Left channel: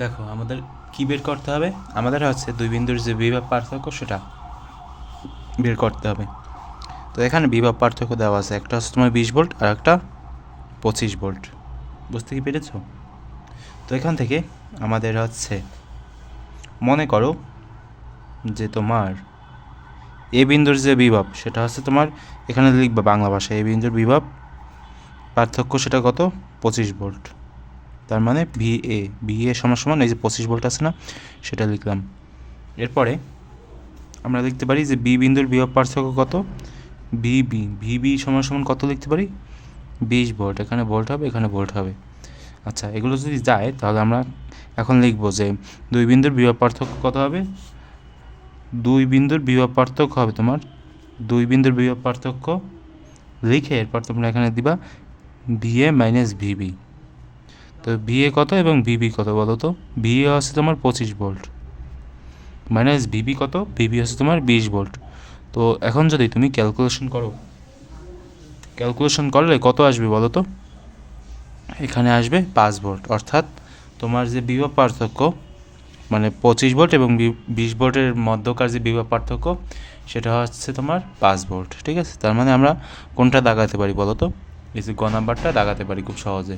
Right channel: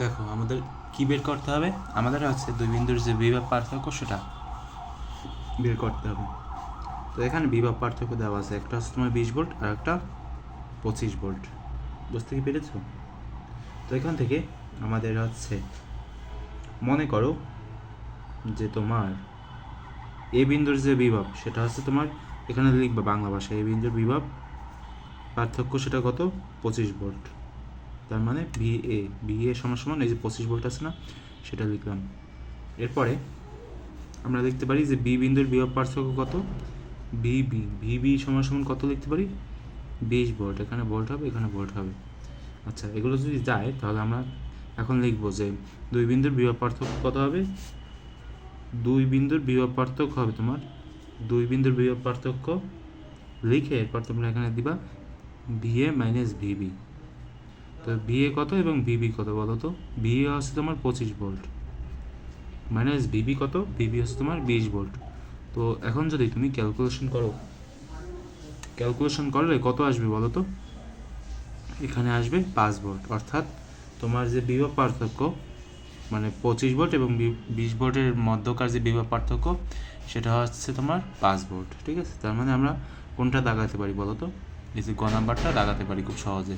দেখো আমাদের কি বের করতে হবে, আমাদের হচ্ছে দুই বিন্দুর যে বিভব পার্থক্য সেটা বের করতে হবে। তো এখানে বিভব পার্থক্য দেওয়া আছে, একটা হচ্ছে তোমার 20 ভোল্ট আর একটা 25 ভোল্ট। বুঝতে কি পেরেছ? তো এখান থেকে আমাদের হচ্ছে মনে করো যে তোমার এ বিন্দুর যে বিভব সেটা হচ্ছে তোমার, এখানে লিখবে বাংলা ভাষায়, এ বিন্দুর বিভব পার্থক্য সেটা কত? 25 ভোল্ট। তার মানে ভিএ সমান সমান এই যে 25 ভোল্ট আছে না, সেটা লিখলাম। এরপরে আমরা লিখতে পারি যে বি বিন্দুর বিভব পার্থক্য কত? ভিবি সমান সমান কত লিখতে পারি? 20 ভোল্ট। এখানে ভোল্ট হবে, এখানে ভোল্ট হবে। আচ্ছা, এগুলো যদি যায় তাহলে আমরা এখন লিখবো যে দুই বিন্দুর বিভব পার্থক্য কত হবে? দুই বিন্দুর বিভব পার্থক্য হবে তোমার, দুই বিন্দুর বিভব পার্থক্য লিখে এরপর তোমরা এখানে দিবা ভিএ মাইনাস ভিবি। তো ভিএ কত এবং ভিবি কত বলো তো? ভিএ হচ্ছে তোমার 25 ভোল্ট মাইনাস ভিবি কত? ভিবি হচ্ছে তোমার 20 ভোল্ট। তো এখন যদি তুমি ক্যালকুলেশন করো, ক্যালকুলেশন করলে কত আসবে বলো তো? এখানে আসবে 5 ভোল্ট। অর্থাৎ তোমার যে বিভব পার্থক্য মানে 25 ভোল্ট এবং 20 ভোল্টের মধ্যকার যে বিভব পার্থক্য সেটা হচ্ছে তোমার 5 ভোল্ট। ঠিক আছে, তার মানে আমরা কোনটা দাগাতে পারি বলো তো? এই যে গ নাম্বারটা দাগাতে পারি খুব সহজে।